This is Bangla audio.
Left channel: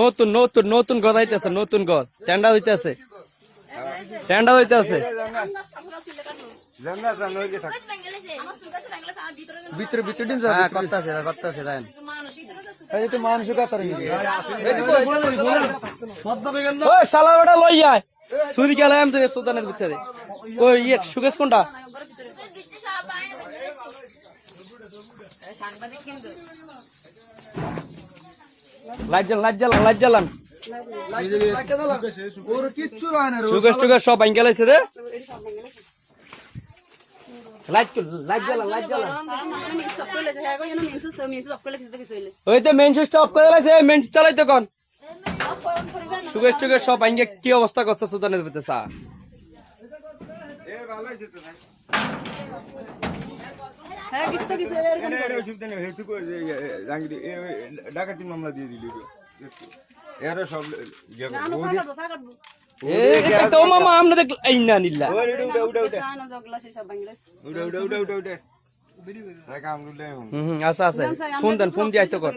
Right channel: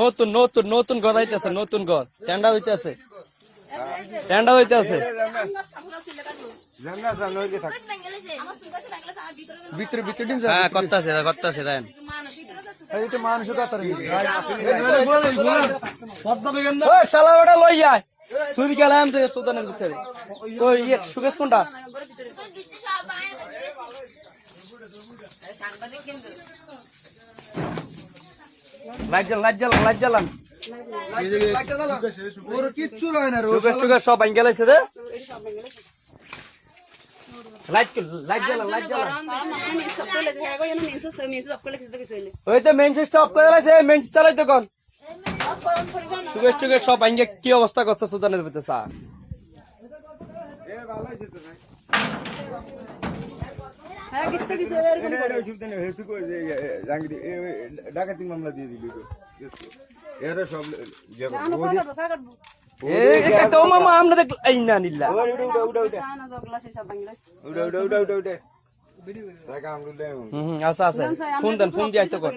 নতুন নতুন নতুন ঘর হইতেছে, নতুন ঘর টেন্ডার হইতেছে, টেন্ডার হইতেছে। করতেছে করতেছে দেন শালা ওটা লই যায় চুরি গেলাম তো সুদানের ভিতরে। ওই ইয়ে সুকেশ কোনটা লাইট জ্বালান লাইট জ্বালান সুকেশ টুকেশ সব ভাঙ গেলাইছে রে। লাইট জ্বালান লাইট জ্বালান। ওই তো মেন সুইচ অফ করে লাইছে, মেন চালাই তো কোন সুকেশ টুকেশ সব ভাঙ কি অবস্থা করছে সুদানের ভিতরে স্যার। ডাকাতি মামলা দিয়ে দিলি সব মামা আমরা দেখ না নিলা আচ্ছা আচ্ছা ফোন দেন, ফোন দিয়ে কর।